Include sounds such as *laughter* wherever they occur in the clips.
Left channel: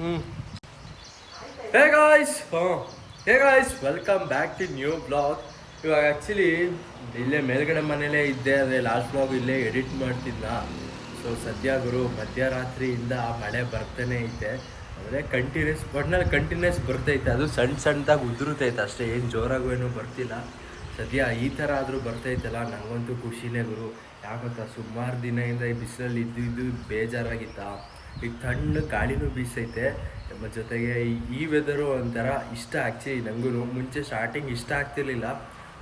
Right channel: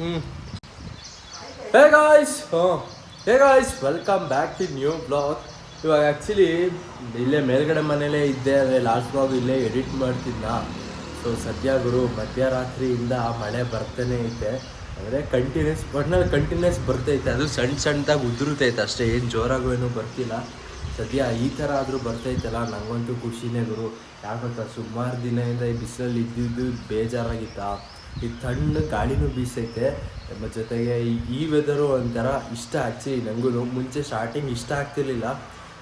ಹ್ಞೂ hey guys hmm hey guys welcome back to new vlog ಇವಾಗ actually ಇಲ್ಲೇ ಮೇಲ್ಗಡೆ ಮನೇಲೇ ಇದ್ದೆ ಅಂದರೆ ಲಾಸ್ಟ್ ಬ್ಲಾಗ್ ಇಲ್ಲೇ ಎಡಿಟ್ ಮಾಡ್ತಿದ್ದ ಸೊ ಸದ್ಯ ಗುರು, ಮಧ್ಯರಾತ್ರಿಯಿಂದ ಮಳೆ ಬರ್ತಾನೆ ಐತೆ. ಅಂದರೆ ಕಂಟಿನ್ಯೂಸ್ ಒಟ್ನಲ್ಲಿ ಕಂಟಿನ್ಯೂಸ್ ಬರ್ತೈತೆ. ಅದು ಸಣ್ಣ ಸಣ್ಣದಾಗಿ ಉದುರುತೈತೆ ಅಷ್ಟೇ. ಏನು ಜೋರಾಗೂ ಏನೂ ಬರ್ತಿಲ್ಲ. ಸದ್ಯ ಈ ಥರ ಆದರೂ ಬರ್ತೈತಲ್ಲ. ನನಗಂತೂ ಖುಷಿನೇ ಗುರು. ಯಾಕಂತ ಸುಮಾರು ದಿನದಿಂದ ಈ ಬಿಸಿಲಲ್ಲಿ ಇದ್ದು ಇದ್ದು ಬೇಜಾರಾಗಿತ್ತ? ಈಗ ತಣ್ಣ ಗಾಳಿನೂ ಬೀಸೈತೆ. ನಮ್ಮ ಜೊತೆಗೆ ಈ- ಈ ವೆದರು ಒಂಥರ ಇಷ್ಟ ಆಗ್ತಿ ನನಗೂ ಮುಂಚೆ ಸ್ಟಾರ್ಟಿಂಗ್ ಇಷ್ಟ ಆಗ್ತಿರ್ಲಿಲ್ಲ.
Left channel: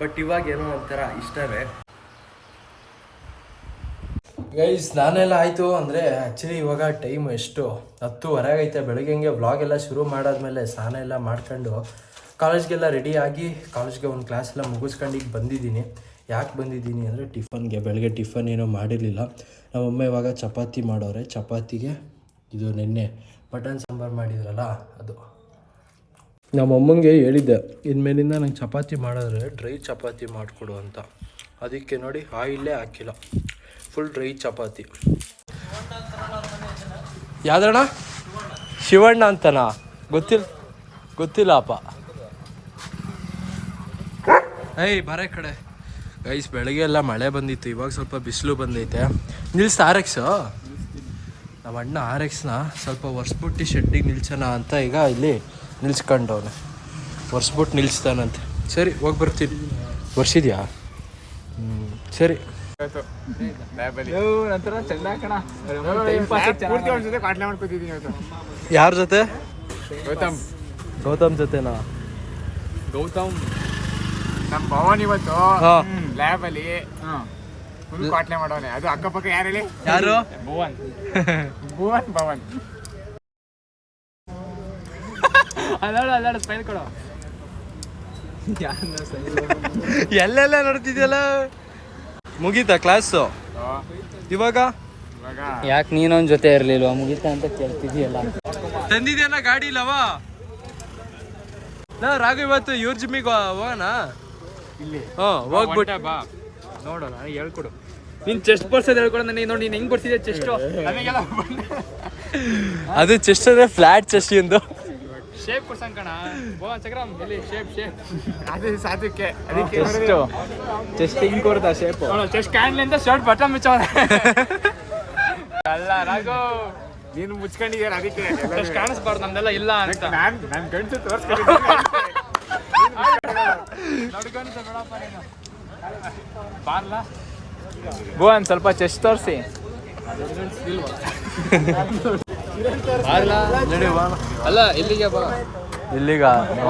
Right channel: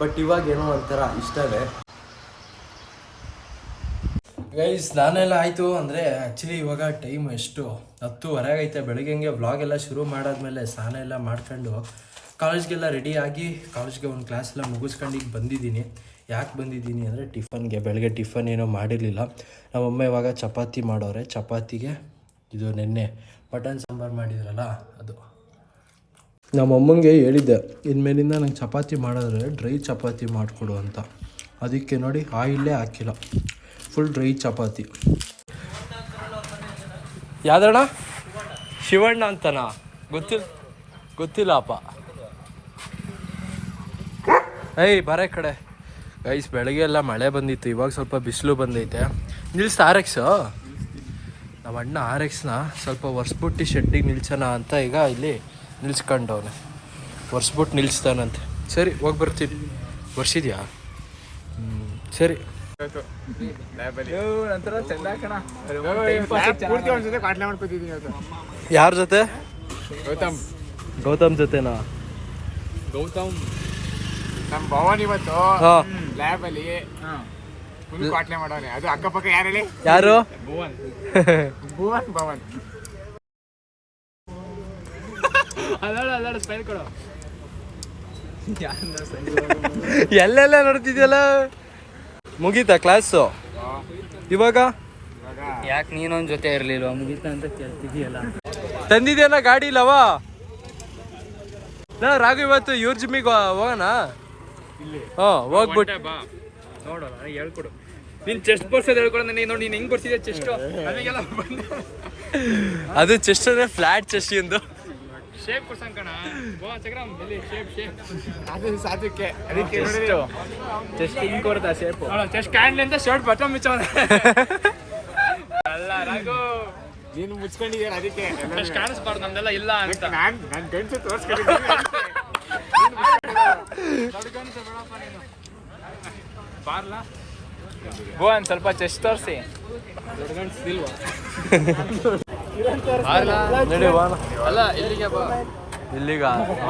ಬಟ್ ಇವಾಗ ಏನೋ ಒಂಥರ ಇಷ್ಟವೇ. ಗೈಸ್ ನಾನೆಲ್ಲ ಆಯಿತು ಅಂದರೆ ಆ್ಯಕ್ಚುಲಿ ಇವಾಗ ಟೈಮ್ ಎಷ್ಟು? ಹತ್ತು ಹೊರಗೈತೆ ಬೆಳಗ್ಗೆ ಹಂಗೆ ವ್ಲಾಗ್ ಎಲ್ಲ ಶುರು ಮಾಡಾದ್ಮೇಲೆ ಸ್ನಾನ ಎಲ್ಲ ಮಾಡ್ಕೊಂಡು ಕಾಲೇಜ್ಗೆಲ್ಲ ರೆಡಿ ಆಗಿ ಕಾಲೇಜ್ಗೆ ಒಂದು ಕ್ಲಾಸ್ ಎಲ್ಲ ಮುಗಿಸ್ಕೊಂಡು ಈಗ ಬಂದಿದ್ದೀನಿ. ಯಾಕೆ ಬಂದಿದ್ದೀನಿ ಅಂದರೆ ಟಿಫನ್ಗೆ ಬೆಳಗ್ಗೆ ಟಿಫನ್ ಏನೋ ಮಾಡಿರಲಿಲ್ಲ. ನಮ್ಮಮ್ಮ ಇವಾಗ ಚಪಾತಿ ಮಾಡೋರೆ. ಚಪಾತಿಗೆ ಇದು ನಿನ್ನೆ ಮಟನ್ ಸಾಂಬಾರು ಮಾಡಿದ್ರಲ್ಲ ಅದು. ನಮ್ಮಮ್ಮಂಗೆ ಹೇಳಿದ್ದೆ ಇನ್ಮೇಲಿಂದ ನಂಗೆ ಚಪಾತಿ ಮಾಡಿದ್ರೆ ಡ್ರೈ ಚಪಾತಿ ಮಾಡಿಕೊಡು ಅಂತ. ಅದಕ್ಕೆ ನೋಡಿ ಆಯಿಲ್ಲೇ ಹಾಕಿಲ್ಲ. ಫುಲ್ ಡ್ರೈ ಚಪಾತಿ. ಯಾವ್ದಣ್ಣ? ಶಿವಣ್ಣ ಅಂತನಾ? ಗೊತ್ತಿಲ್ಲ ಗೊತ್ತಿಲ್ಲಪ್ಪ ಏಯ್ ಬರ ಕಡೆ. ಐಸ್ ಬೆಳಗ್ಗೆ ಎಲ್ಲ ಮಳೆ ಬಂದಿತ್ತು ಇವಾಗ ಸ್ವಲ್ಪ ಬಿಸಿಲು ಬಂದೈತೆ. ನಿಲ್ಸ್ ಆರ್ ಎಕ್ಸು ನಮ್ಮ ಅಣ್ಣ ಆರ್ ಎಕ್ಸ್ನ ಸ್ವಲ್ಪ ಒರೆಸ್ಬಿಟ್ಟು ಶೆಡ್ಡಿಗೆ ನಿಲ್ಸೋಣ ಅಂತ ಈಗ ಇಲ್ಲಿ ನಿಲ್ಸ್ಕೊಂಡವನೆ. ಒರೆಸ್ಬಿಟ್ಟು ನಿಲ್ಸ್ತಾನಂತೆ. ಸರಿ ಹೋಗಿ ಬರ್ತೀನಿ. ಒರೆಸಿದ್ಯಾ? ಹ್ಞೂ ಸರಿ. ಯಾರ ಜೊತೆ? ಗೌತಮ್. ಗೌತಮ್ ಜೊತೆನಾ? ಗೌತಮ್. ನಮ್ಮ ಭವನ್ ಇವತ್ತು ಲ್ಯಾಬಲ್ಲಿ ಲ್ಯಾಬ್ ಅಲ್ಲಿ. ಫುಲ್ ಕಾಟ್ಲೆ ಮಾಡೋನೆ. ಅದು ಅಕ್ಕಪಕ್ಕ ಯಾರು ಹೇಳಿ? ಯಾರು? ಭುವನ್. *laughs* ಭುವನ್ ಭವನ್. ಅಲ್ಲಾಡ ಅಲ್ಲಾಡ ಕೊಡು. ಎಲ್ಲೆಲ್ಲ ನೋಡ್ತಿದ್ಯಲ್ಲ? ಮುಗೀತಾ ಕ್ಲಾಸು ಇವಾಗ? ಯಾಕೆ ನೀನೊಂದ್ ಜೊತೆ ಇರ್ಲಿಲ್ವಾ? ಮುಗೀತ ಅಂತ ಕೇಳ್ತಿದ್ಯಲ್ಲ. ತಂದಿದ್ಯಲ್ಲ ಗಾಡಿ ಇಲ್ಲವ? ನಾ ರಾಘು ಇವತ್ತು ಇವ್ರ ಜಿಮ್ಮಿಗೆ ಹೋಗೋಣ? ಇಲ್ಲಿ. ಹ್ಞೂ ಹೋಗ್ಬಿಟ್ಟು ಬಾ ನೋಡು ಹೇಳ್ಕೊಡು. ನೀನ್ ಚೆಸ್ಟ್ ಬರ್ಸೋದು ಹೇಳ್ಕೊಡು ನೀನು ನೋಡಿ ನೀನ್ ಹೆಂಗ್ ಬರ್ಸಿದ್ಯಾ ಚೆಸ್ಟ್ ನಮಗೆಲ್ಲ ಅದು ಚೆಸ್ಟ್ ಅಂದ್ರೆ ಫ್ಲಾಟ್ ಚೆಸ್ಟ್ ಎಂದು ಶೇಪ್ ಕೊಡ್ಸಂಕಣ ಚಕ್ರಮ್ ಇಲ್ಲಿ ಶೇಪ್ ಶೇಪ್ ಅದು ಸಾಧ್ಯಕ್ಕೆ. ಅದಕ್ಕೆ ಚೆಸ್ಟ್ ಹಿಂಗ್ ಕೊಡ್ದ ಶೇಪ್ ಚೆಸ್ಟ್ ಕ್ಯಾಂಡ್ಲ್ ಅಂತ ಶರ್ಟ್ ಬಟನ್ ಮುಚ್ಚವನೆ ಅಲ್ಲ ರಾಘು ನೀನು ಮುಚ್ಕೊಂಡಿದ್ಯಾರ ಅದಕ್ಕೆ? ಕಾಣಿಸ್ಬಾರ್ದು ನಮ್ದೆಲ್ಲ ಇಲ್ಲ ಅಂತ. ನಾನು ನಾನು ಗಂಟು ತೋರಿಸ್ಕೊಂಡಿದ್ದೀನಿ. ಭುವನ್ ಸ್ವಲ್ಪ ಚೆಸ್ಟ್ ತೋರಿಸಿ. ನಡಿ ಬಾಣ ಅಲ್ಲ ಇಲ್ಲಿಗೆ ಬಾ. ಇಲ್ಲಿಗ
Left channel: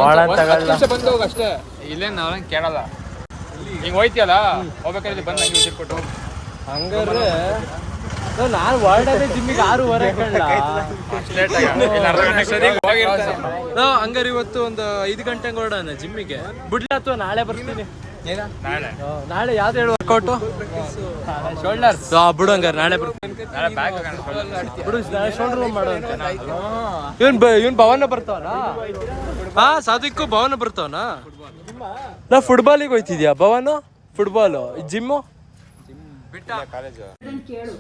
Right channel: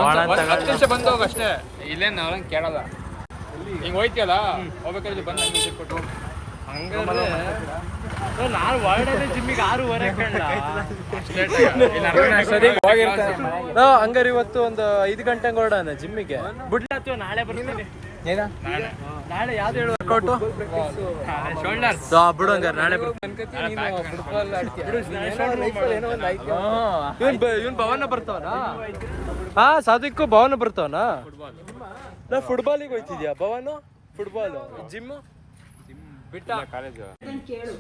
ಒಳ ತಗೊಳ್ಳ ಬಂದು ಹೋಗ ಅಷ್ಟೇ. ಕೇಳಲ್ಲ. ಹಿಂಗ್ ಹೋಯ್ತಿಯಲ್ಲ? ಹೋಗ್ಬೇಕಾದ್ರೆ ಬಂದು ಹಂಗೆ ಹಂಗಾದ್ರೆ ನಾನು ಹೊರಡದೆ ಜಿಮ್ಮಿಗೆ ಆರೂವರೆ ಕಳ್ಳ ಹಂಗಾರೆ ಇವತ್ತು ಒಂದು ಐದು ಗಂಟೆ ಹೊರಡೋಣ ಜಿಮ್ಮಿಗೆ. ಬಿಡ್ಲ ಅಥವಾ ನಾಳೆ ಬರ್ತೀನಿ. ನಾಳೆ. ಯಾವ್ದು ಹೇಳು ವರ್ಕೌಟು ಶೋಲ್ಡರ್ಸ್ ಬಿಡು ಹಂಗಾರೆ ನಾಳೆ ಬರ್ತೀನಿ ಬಿಡು ನಾಳೆ ಶೋಲ್ಡರ್ ಇವನ್ ಇವನ್ ಭವನ ಬರ್ತಾವನಾ? ಹಾ ಸಾಧಿಕ್ಕು ಭವನ ಬರ್ತಾವನಾ? ನಾ ಫುಟ್ಬಾಲಿಗೆ ಹೋಯ್ತಿದ್ಯಾ? ಭವನ? ಫುಟ್ಬಾಲು ಜಿಮ್ಮು ಅದನ್ನ ಕೇಳು.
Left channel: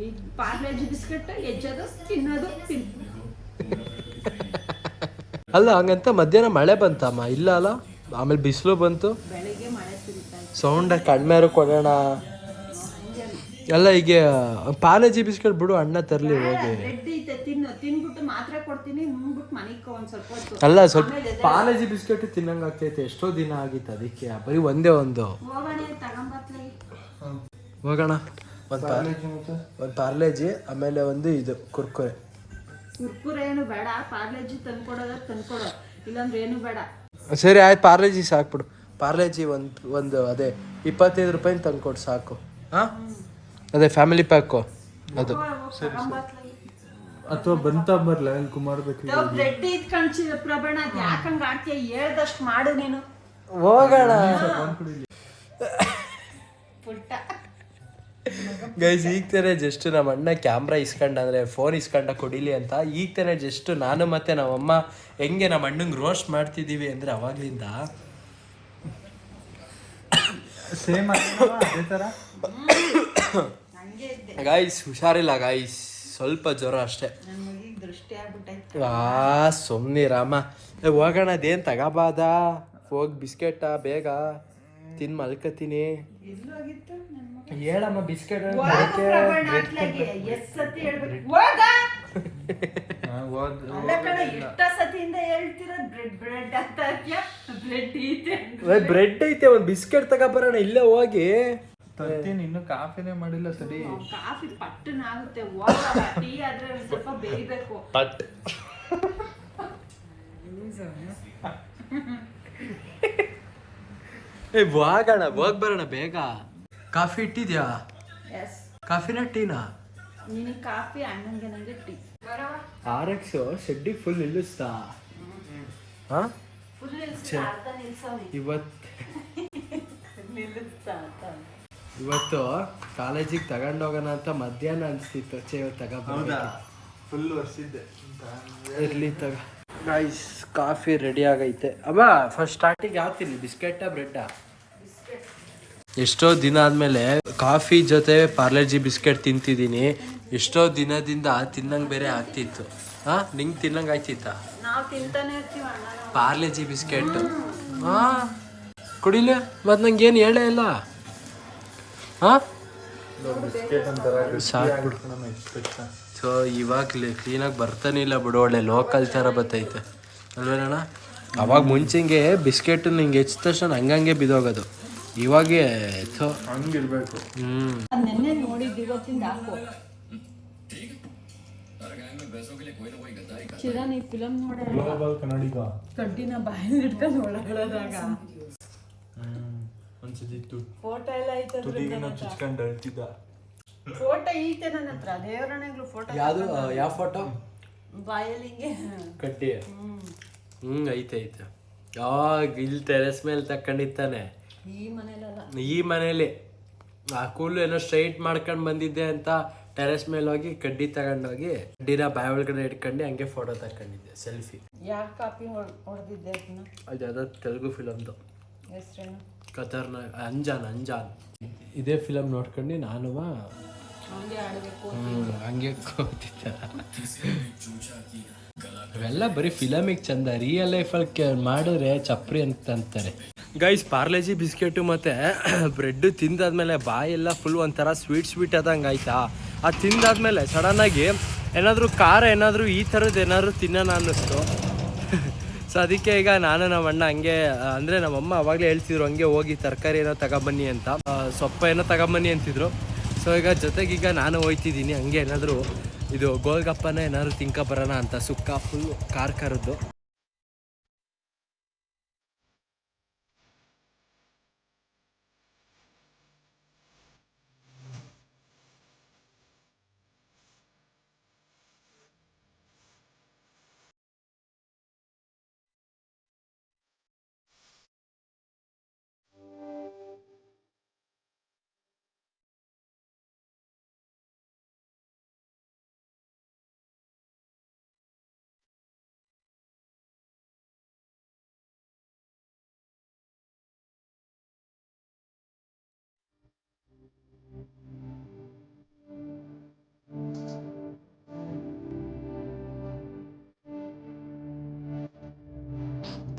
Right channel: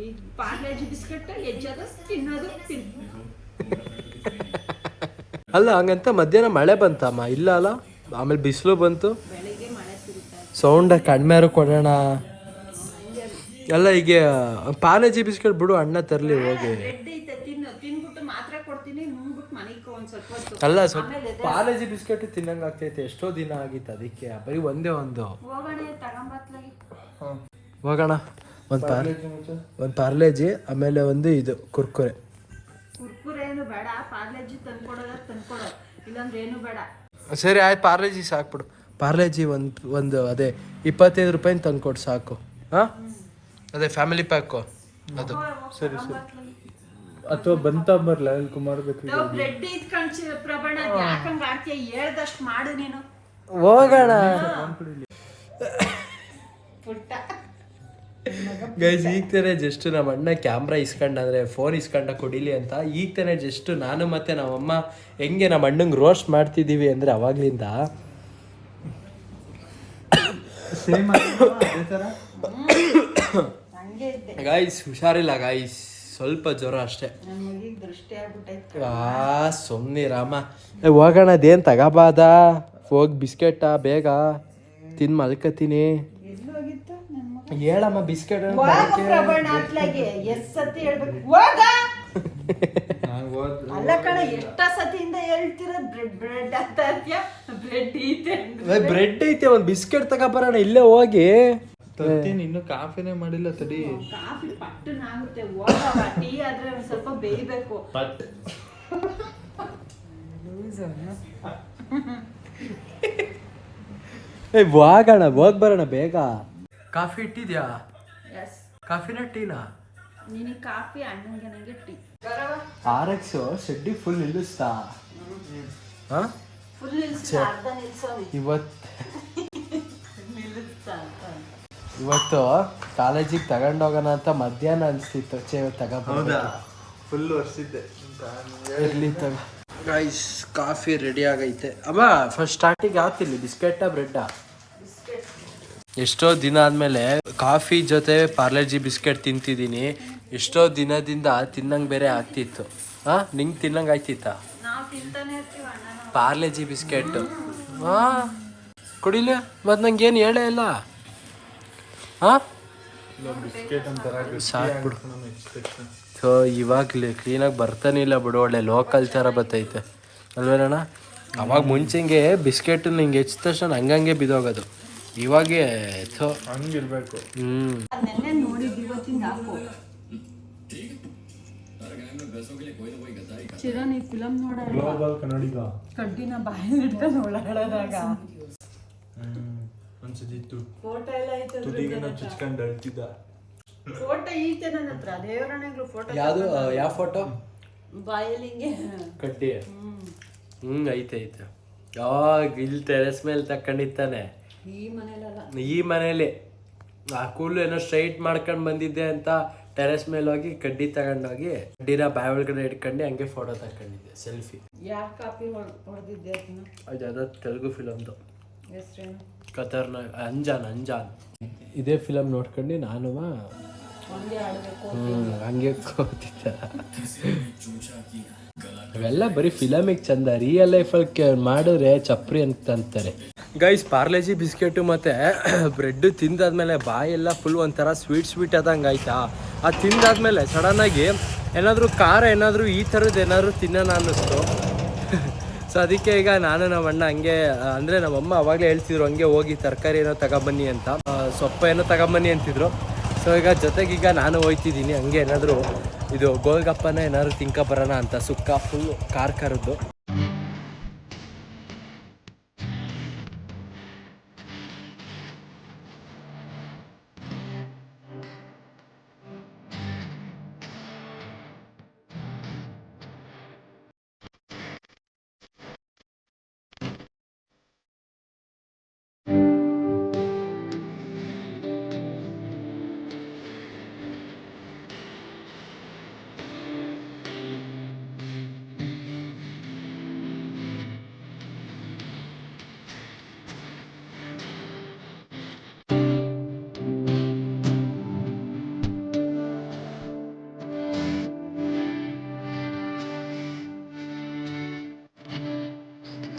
ಈ ಪಾರ್ಲೇಜಿ ಬಿಸ್ಕೆಟ್ ಎಜ್ಜೋದು ತಿನ್ನೋದು ತಿನ್ ಅಲ್ಲ ಹಂಗಂತ ಮಧ್ಯಾಹ್ನ ಮಳೆ ಬಂತಮ್ಮ? ಇಲ್ಲ ಅಲ್ಲ? ಆಮೇಲೆ ಬಿಸಿಲು ಬಂತು. ಸೌಂಡ ಕಡಿಮೆ ಕೊಡೋಣ. ಎಲ್ಲ ಈಗ ಪಾಲೇಜಿ ಬಿಸ್ಕೆಟ್ ಬಿಡು ಅಣ್ಣ ತರಲಿ ಹೋಗಿ. ಅಲ್ಲ ಸ್ವಲ್ಪ ಪಾಲೇಜಿ ಬಿಸ್ಕೆಟ್ ತಿನ್ನಂಗ್ ಆಗ್ತೈತೆ ಎಷ್ಟೋ ದಿನ ಆಗಿತ್ತು ಅದಕ್ಕೆ. ಬರೀ ಒಂದೇ ಒಂದು. ಹೋಗೋಣ ಒಂದು ಪಾರ್ಲೇಜಿ ಒಂದು ಪಾರ್ಲೇಜಿ ಆಮೇಲೆ ಒಂದು ಇದು ಕುರ್ಕುರೆ. ಕುರ್ಕುರೆ ಏನು ಬೇಡ ಪಾರ್ಲೇಜಿ ತಂದ್ಕೊಡೋದ ತಂದ್ಕೊಡೋ ಇಲ್ಲಾಂದ್ರೆ ಏನು ಬೇಡ. ಸರಿ ಆಯ್ತು ಪಾರ್ಲೇಜಿ ಸಾಕ್ಬಿಡು. ಪಾರ್ಲೇಜಿ ಒಂದು ಒಂದು ಅದೇ ಇಪ್ಪತ್ತೈದು ರೂಪಾಯಿ ತಂದ್ಕೊಡು ಸಾಕು. ಹಾಂ? ಅದೇ ಫ್ಯಾಮಿಲಿ ಪ್ಯಾಕು ಅದು. ಸರಿ ಸರಿ. ಅಥವಾ ಬಂತ ಬರಲ್ಲ ಅಲ್ಲಿ ಕುಮಾರ್ ಬೇಕು ರೆಡ್ ಇದ್ ಕಣ್ಸಿ ಪ್ರಬಣ ಯಾಕಂಗ ಆಡ್ತೀಯ ಹೇಳ್ದಷ್ಟು ಮಾಡು ನೀನು. ಹೋಗೋಣ. ಪುಟ್ಟ. ಗೈಸ್ ಈಗ ತಾನೇ ಜಸ್ಟ್ ನಮ್ಮ ಅಣ್ಣ ಕ್ಯಾಮ್ರಾ ಇಸ್ಕೊಂಡ ಅಂದ್ರೆ ಫೋನ್ ಇಸ್ಕೊಂಡ ಕೊಡಿಲಿ ಅಂತ ಈಗ ತಾನೇ ಜಸ್ಟ್ ನಾನು ಮತ್ತೆ ನಮ್ಮಮ್ಮ ಹೆಂಗೆ ನಮ್ಮ ಅಣ್ಣಂಗೆ ರೋಸ್ಟ್ ಮಾಡ್ತಿದ್ದೀವಿ ಅಂದ್ರೆ ಅವಾಗ್ಲಿಂದ ಹಂಗೆ ಗೈಸ್ ಗಾಯ್ಸ್ ಹುಷಾರಿಲ್ಲ ಗಾಯ್ಸ್ ಸ್ವಲ್ಪ ಜ್ವರ ಅಷ್ಟೇ. ನನ್ನ ಮಗಿಗೆ ದೃಷ್ಟಿ ಆಗ್ಬಿಟ್ಟೈತೆ. ಆ ಸುಮ್ಮನೆ ರಾಮ. ಏ ಹೋಗೋಣ ಅದೇನು ತಗೋಬಾದ? ಹೋಗಿ ಬಿಸ್ಕೆಟ್ ಬೇಗ. ತಿನ್ ಮಲ್ಕತೀನಿ. ಎಲ್ಲೋಗಿತ್ತು ನನ್ನ ಮಗ. ಹೇಳಮ್ಮ ಬಿಸ್ಕೆಟ್ ಪ್ರಬಂಧ ಅಲ್ಲ ಕಡೆ ಎಷ್ಟ ಸತಿಯಿಂದ ಬ್ರೆಡ್ ಬ್ರೆಡ್ ಅಂತ ಬ್ರೆಡ್ ಐತೆ ಒಂದು ಬಿಸ್ಕೆಟ್ ತಗೋಬರೋಣ ಇಲ್ಲೇ ಹೋಗಿ. ತರ್ತೀನಿ ಇನ್ನು ಕಾಫಿನೇ ಮಾಡಿಲ್ಲ ತಡಿ. ಕಾಫಿ ಪಟ್ಟನ ಆಗುತ್ತೆ. ಟೀ ಆದ್ರೆ ಒಂದ್ ಸ್ವಲ್ಪ ಬೇಯ್ಬೇಕು. ಪಟ್. *laughs* ಏ ಹೋಗೋಣ ಹೋಗ್ ಬರೋಣ ಬೇಗ. ಕಾಫಿ ಇಟ್ಟಿದ್ಯಾ ಎಸ್ ಕಾಫಿನ ಟೀನಾ? ನಿನಗೆ ಕಾಫಿ ಅಣ್ಣಂಗೆ ನಂಗೆ ಟೀ. ಆರ್ ಎಕ್ಸ್ ಶೆಡ್ಡಿ ಫುಲ್ ನಿಲ್ಲಿಸ್ತಾ? ಹಾ? ಫುಲ್ ನಿಲ್ಸ್ತಾ ಅರ್ಧ ನಿಲ್ಸೋನಿ ಇವತ್ತು *laughs* ನಿಲ್ಲಿಸ್ತಾ ಅಂತ. ಇವತ್ತು ಕಾಲೇಜಿಗೆ ತಗೊಂಡೋಗೋಣ ಅಂತ ಮಧ್ಯಾಹ್ನ ಅನಿಸ್ತಿತ್ತು. ಚೇ ತಗೊಂಡು ಫುಲ್ ವರ್ಷಿದ್ದೆ. ಇರಲಿ ತಗ. ಗೈಸ್ ಕಾಫಿ ರೆಡಿ ಆಗೈತೆ. ಅಮ್ಮ ಫಸ್ಟ್ ಸ್ಟಾರ್ಟಿಂಗ್ ಯಾವ ತಿನ್ನಿ ಬಿಸ್ಕೆಟಾ ಬ್ರೆಡ್ಡಾ ಎಷ್ಟೋ ದಿನ ಆದಮೇಲೆ ಕಾಫಿ ಜೊತೆ ಪಾರ್ಲೆಜಿ ಬಿಸ್ಕೆಟ್ ತಿಂತಿದ್ದೀನಿ. ಎಷ್ಟೋ ದಿನದಿಂದ ತಿನ್ನಂಗೆ ಬೇರೆ ಆಗ್ತಿತ್ತು. ಹಾ ನಿಂಗೆ ತಿನ್ನಂಗೆ ಆಗ್ತಿತ್ತಾ? ಪಾರ್ಲೆ ತಿಂತಾನೆ ಇರ್ತೀವಿ ಅಣ್ಣ ನಾವು. ಪಾರ್ಲೆಜಿ ಬಿಸ್ಕೆಟ್. ಹಾ ಕುಡಿಲ ಮತ್ತೆ ನಂಗೆ ಏನು ಹೇಳೇ ಇಲ್ಲ. ಹಾ ಸಾಕ್ಬಿಡು ಸೊ ಇವಾಗಲೇ ಕ್ಲೀನಾಗಿ ಬರ್ತಾನೆ ಇಲ್ಲ ಬಿಡು ಒಳ್ಳೆ ಲೋಕಲ್ ಥರ ಬರ್ತೈತೆ ಅಲ್ವೇನಣ್ಣ? ಅವಾಗ ಮುಂಚೆಂಗೆ ಬಿಸ್ಕೆಟ್ ಹಿಂಗೆ ಹೆಚ್ಚಿದ ತಕ್ಷಣ ಹಂಗಂಗೆ ಬಿದ್ದೋಗೋದು. ಇವಾಗೆ ಥೋ. ಹಂಗಿರ್ಬೇಕು. ಹ್ಞೂ ನೋಡಲ್ವಾ ಕನ್ನಡಿಗ. ಕಡ್ಡಿನ ಬಾಯಲ್ಲಿ ಇಟ್ಕೊಂಡು ಒಳಗಡದಾಗ ಫೋಟೋ ಎಲ್ಲ ಐತೆ ಚುಚ್ಕೊಂಡು ಅಳ್ತಿದ್ದ. ಫೋಟೋ ಐತೆ ನನ್ನ ಹತ್ರ. ದೇವರಣೆಗಳು ಫೋಟೋ ಯಾವುದು ಯಾವ ಫೋಟೋ ಬಾಯಲ್ಲಿ ಹಿಂಗೆ ಕಡ್ಡಿ. ಹ್ಮ್. ಹ್ಞೂ ಐತೆ ಐತೆ. ಯಾವಾಗ ಇಲ್ಲಿ ಟೆರೆಸ್ ಮೇಲೆ ತಕೊಂಡಿತ್ತಾನೆ ಈ ಮನೇಲಲ್ಲ. ಈ ಮನೇಲಿ. ಆ ಕೂಲ್ ಏನೋ ಸ್ಟ್ರೈಟ್ ಮಾಡ್ಕೊಂಡು ಬಂದಿದ್ದೆ ಅಂತ ಟೆರೆಸ್ ಮೇಲೆ ಹೋಗಿ ಕಡ್ಡಿ ತಗೊಂಡೋಗಿ ಕಡ್ಡಿನ ಬಾಯಿ ಒಳಗಡೆ ಇಟ್ಕೊಂಡು ಹಂಗೆ ಫೋಟೋ ತಕೊಂಡಿದ್ದೆ ಸೆಲ್ಫಿ ಯಾರ ಕಾಪಿ ಹೊಡೆದಿದ್ದೆ ಅದು ಯಾವ್ದೋ ತೆಲುಗು ಫಿಲಮ್ದು ಹೆಸ್ರೇನು? ಕತರ್ನ ಅಂಜಾನ್ ಅಂಜಾನ್. ಇದೇ ಫಿಲಮ್ ನೋಡ್ಕೊಂಡು ನಾನು ಹಂಗೆ ಕೂತಿದ್ದ. ಅವೆಲ್ಲ ಬರೀ ಫಿಲಮಿಗೆ ಚಂದ ರಿಯಲ್ ಲೈಫಲ್ಲಿ ಮಾಡಿದ್ರೆ ಚಪ್ರಿ ಅಂತ ಅಂತಾರೆ. ಗೈಸ್ ಪಾರ್ಲೇಜಿ ಬಿಸ್ಕೆಟು ಮತ್ತು ಬ್ರೆಡ್ ತಿಂದಾದ್ಮೇಲೆ ಬಾಯೆಲ್ಲ ಫುಲ್ ಒಂಥರ ಸ್ವೀಟ್ ಸ್ವೀಟ್ ಆದಂಗೆ ಆಯ್ತಾ? ಅದು ತಿಂದಾದ್ಮೇಲೆ ಸಡನ್ನಾಗಿ ಏನಾದರೂ ಖಾರ ಏನಾದರೂ ಈ ಥರದ್ದು ಏನಾದರೂ ತಿನ್ನೋಣ ಅನ್ನಿಸ್ತು. ಸೊ ಅದಕ್ಕೆ ಈಗ ನಾನು ನಮ್ಮ ಅಣ್ಣ ಹಂಗೆ, ಅಂದರೆ ನಮ್ಮಮ್ಮ ಅವಾಗಲೇ ಹೇಳ್ತಿದ್ರು, ಹಂಗೆ ಹೋಗಿ ತರಕಾರಿ ಏನೋ ತಗೊಬನ್ನಿ ಅಂತ. ಸೊಪ್ಪ ಏನೋ ತಗೊಂಬನ್ನಿ ಅಂತಿದ್ರು. ಸೊ ಈಗ ಜೊತೆಗೀಗ ನಾನು ಹೋಯ್ತಿದ್ದೀನಿ, ಹಂಗೆ ಏನಾದರೂ ಇದು ಗೋಲ್ಗಪ್ಪನ ಏನಾದ್ರು ತಿಂಕ ಬರೋಣ ಅಂತ. ಸುಕ್ಕ ಫುಲ್ಲು ಖಾರ ಖಾರದ್ದು.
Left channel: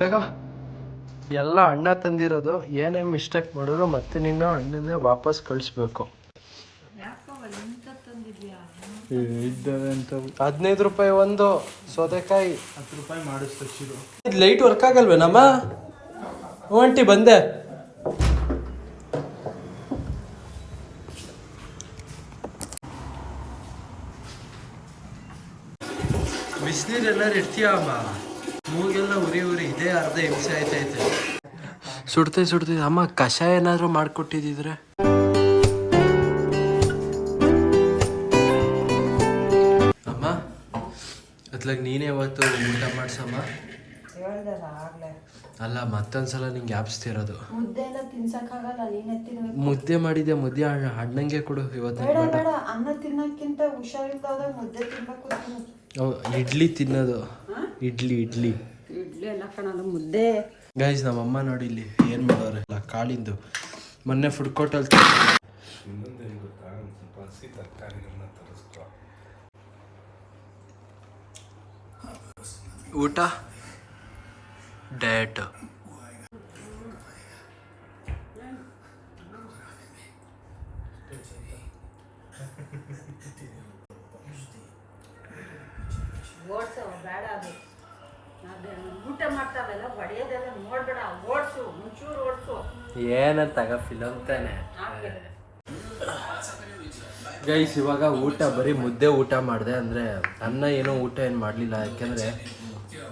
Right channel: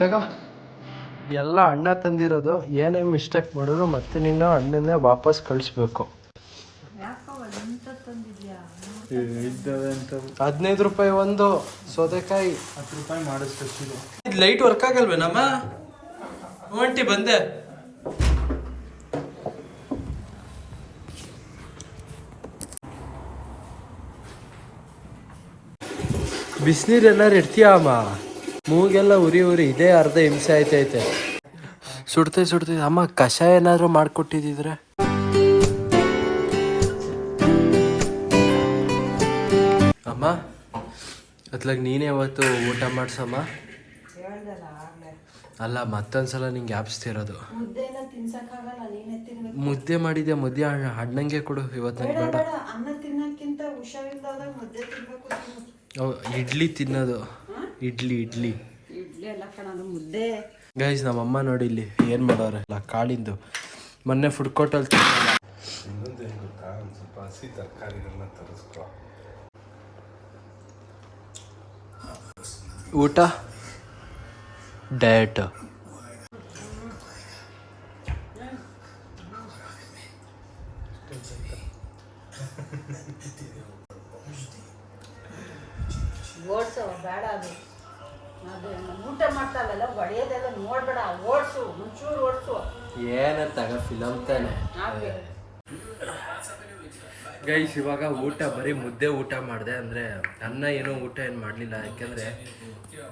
ತಗೋ ಎಲ್ಲ ಅಣ್ಣ ತಂದಿರೋದು ಏನೇ ಮಿಸ್ಟೇಕ್ ಮಾಡಿದ್ರು ಮತ್ತೆ ನಿನ್ನ ಅಣ್ಣನ್ನೇ ವಾಪಸ್ ಕಳಿಸ್ಬೇಕು. ಹದಿನೈದು ರೂಪಾಯಿ ಒಂದು ಸೌತೆಕಾಯಿ. ಹತ್ತು ರೂಪಾಯಿ ಮಾಡಿಸ್ತಿದ್ದು ಇದು ಲೈಟ್ ವರ್ಕ್ ಆಗಲ್ವೇನಮ್ಮ ಒಂಟಿ ಬಂದೆ. ಬಿಸಿನೀರು ಎಲ್ಲರೂ ಇರ್ತೀಯ ಅಮ್ಮ? ಮೂಗೆಲ್ಲ ಉರಿ ಉರಿ ಇದೆ ಅರ್ಧ ಹಿಂಸೆ ಆಯ್ತೈತೆ. ಸುಡ್ತೆ ಸುಡ್ತೆ ಅಮ್ಮ ಕಷಾಯ ಏನಾದರೂ ಮಾಡ್ಕೊಟ್ಟಿದ್ರೆ ಅಮ್ಮ ಅತ್ಲಾಗ ನೀನೇ ಇವತ್ತು ಊಟ ಮಾಡ್ಸಮ್ಮ? ಅಲ್ಲ ಮತ್ತೊಂದ್ಸಲ ನಿಂಗೆ ಯಾಪಿಸ್ತಿರೋದು. ಮುದ್ದೆ ಮಾಡಿದ್ಯಾ ಮುದ್ದೆ ಹಣ್ಣಂಗೆ ಮುದ್ದೆ ಅಣ್ಣ- ಅಣ್ಣಂಗೆ ಕೊಡು ಇವತ್ತು ನಂಗೆ ಬೇಡ. ಇಡ್ಲಿ ತಿನ್ನೋದು. ಇಡ್ಲಿ ಇಡ್ಲಿ. ಇಡ್ಲಿ ಎಲ್ಲ ಕಣಲ್ಲ ಮುದ್ದೆ. ಗೈಸ್ ನಮ್ಮಮ್ಮ ನೋಡಿ ಇಲ್ಲಿ ಏನು ಮಾಡೋರೆ ಇಲ್ಲ ಕಾಳಿಂದು. ಮೊನ್ನೆ ಫುಡ್ ಕೋರ್ಟಲ್ಲಿ ಊಟ? ಡಯಟ್ ಓಡ್ಸು ಬೇಡ ಅದು. ಅದು ಊಟ ಮಾಡ್ತಾರಲ್ಲ ಬಡಿಯೋದೆಲ್ಲ ನೋಡ್ಬೇಡ ಓಡಿಸು ಮುಂಚೂರು ಓಡಿಸು. ತಗ ಫಿಲಮ್ ತಾನೆ. ಗೈಸ್ ಇವಾಗ ಊಟ ಬರೀ ಮುದ್ದೆ ಊಟ ಮಾಡಿದೆ ಅಂದರೆ ಅನ್ನ ಏನೋ ಊಟ ಏನು ಮಾಡಲಿಲ್ಲ ಯಾಕೆಂದರೆ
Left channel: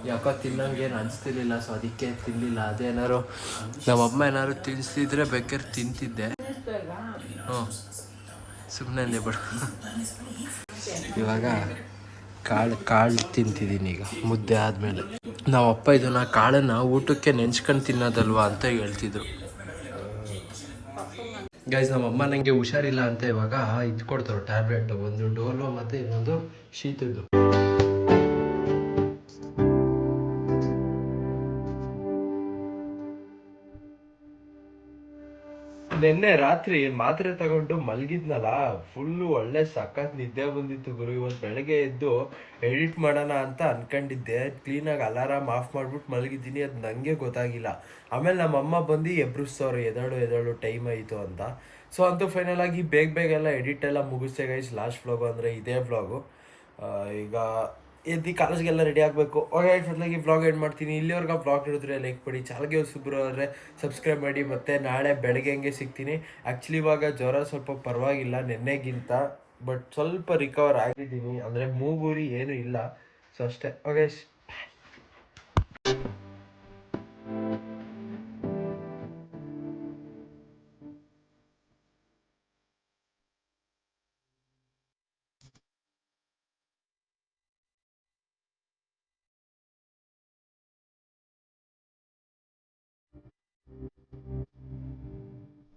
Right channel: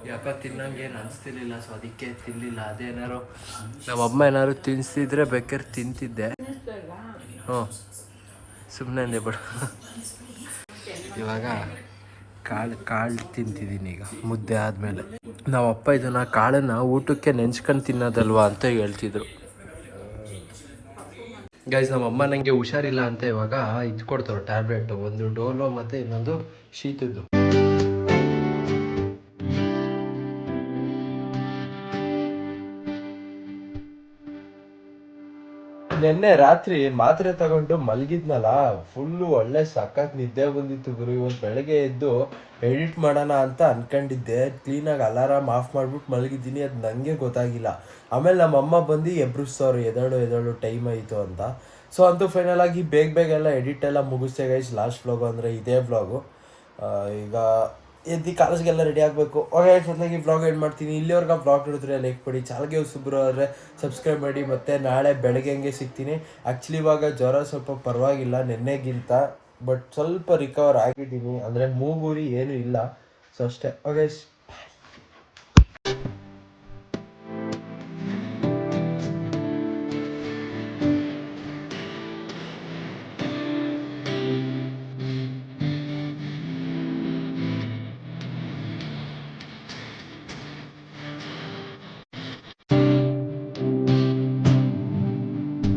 ಯಾಕೋ ತಿನ್ನಂಗೆ ಏನು ಅನಿಸ್ತಿರ್ಲಿಲ್ಲ ಸೊ ಅದಕ್ಕೆ ತಿನ್ನಲಿಲ್ಲ ಅದೇನಾದ್ರು ನಮ್ಮಮ್ಮ ಏನಾದ್ರು ತಿನ್ನಿಸ್ತಿದ್ರೆ ಬೇಕಾದ್ರೆ ತಿಂತಿದ್ದೆ. ಹ್ಞೂ ಸುಮ್ಮನೆ ಅಂದೆ ಬಿಡು. ಇವಾಗ ಕಾಳು ಕಾಳು ತಿಂತಿದ್ದೀನಿ ಈಗ, ಮುದ್ದೆ ಆದಮೇಲೆ. ನಮ್ಮಪ್ಪ ಇದನ್ನು ಕಾಳನ್ನು ಊಟಕ್ಕೆ ನೆಂಚ್ಕೊಂಡು ತಿನ್ನೋದಲ್ವಾ ಅಂತ ಹೇಳ್ತಿದ್ರು. ಗೈಸ್ ನಮ್ಮ ಅಮ್ಮ ಹುಷಾರಿಲ್ಲ ಅಂತ ಇವಾಗ ಇದು ಕೊಡ್ತಾರೆ ಟ್ಯಾಬ್ಲೆಟ್ ಒಂದು ಡೋಲೋ ಮತ್ತು ಇನ್ನೊಂದು ಶೀತದ್ದು. ನಿನ್ನೆ ರಾತ್ರಿ ಮಾತ್ರೆ ತಗೊಂಡು ಮಲಗಿದ್ನಲ್ಲ, ಫುಲ್ಲು ಒಳ್ಳೆ ಸಖತ್ ನಿದ್ದೆ ಬಂದಿತ್ತು ಗುರು. ಇವತ್ತು ಬೆಳಗ್ಗೆ ಎದ್ದು ಎಡಿಟ್ ಮಾಡೋಣ ಅಂತ ಅನ್ಕೊಂಡಿದ್ದೆ. ಕ್ಲೀನಾಗಿ ಅಲಾರಾಮ್ ಆಫ್ ಮಾಡ್ಬಿಟ್ಟು ಮಲಗಿದ್ದೀನಿ, ಅದು ನನಗೆ ಗೊತ್ತಾಗಿಲ್ಲ. ಆಮೇಲೆ ನಮ್ಮ ಅಮ್ಮ ಬಂದು ಎಬ್ರಿಸ್ತವ್ರು ಎದಳು ಎದಳು ಟೈಮ್ ಆಯಿತು ಅಂತ. ಸೊ ಅಂತೂ ಫೈನಲ್ ಆಗಿ ಬೇಗ ಬೇಗ ಎಲ್ಲ ಎಡಿಟ್ ಎಲ್ಲ ಮುಗಿಸ್ತೇ ಗೈಸ್ ಲಾಸ್ಟ್ ವ್ಲಾಗು ಅಂದರೆ ಇದೇ ವ್ಲಾಗು ಈಗ ಎದ್ದು ಕಾಲೇಜ್ಗೆಲ್ಲ ರೆಡಿ ಆಗಬೇಕು. ಓಕೆ ಮೊದಲಾಗಿ ಬ್ಲಾಗ್ ಏನು ಮಾಡ್ತೀನಿ. ಇಲ್ಲಿವರೆಗೆ ವ್ಲಾಗ್ ನೋಡಿದ್ರೆ ಲೈಕ್ ಕೊಡಿ. ಚಾಲಗೆ ಸುಬ್ರು ಆದರೆ ಸಬ್ಸ್ಕ್ರೈಬ್ ಮಾಡಿ ಮತ್ತು ನಾಳೆ ಬೆಳಗ್ಗೆ ಹಂಗೆ ಸಿಗ್ತೀನಿ. ಆ್ಯಕ್ಚುಲಿ ಇವಾಗ ಜ್ವರ ಸ್ವಲ್ಪ ಪರವಾಗಿಲ್ಲ ನೆನ್ನೆಗಿಂತ ಬಟ್ ಸ್ವಲ್ಪ ರಿಕವರ್ ಆಗಿದ್ದೀನಿ. ಅಂದರೆ ಮೂಗೂರಿ ಏನೂ ಇಲ್ಲ. ಸೊ ಅಷ್ಟೇ. ಓಕೆ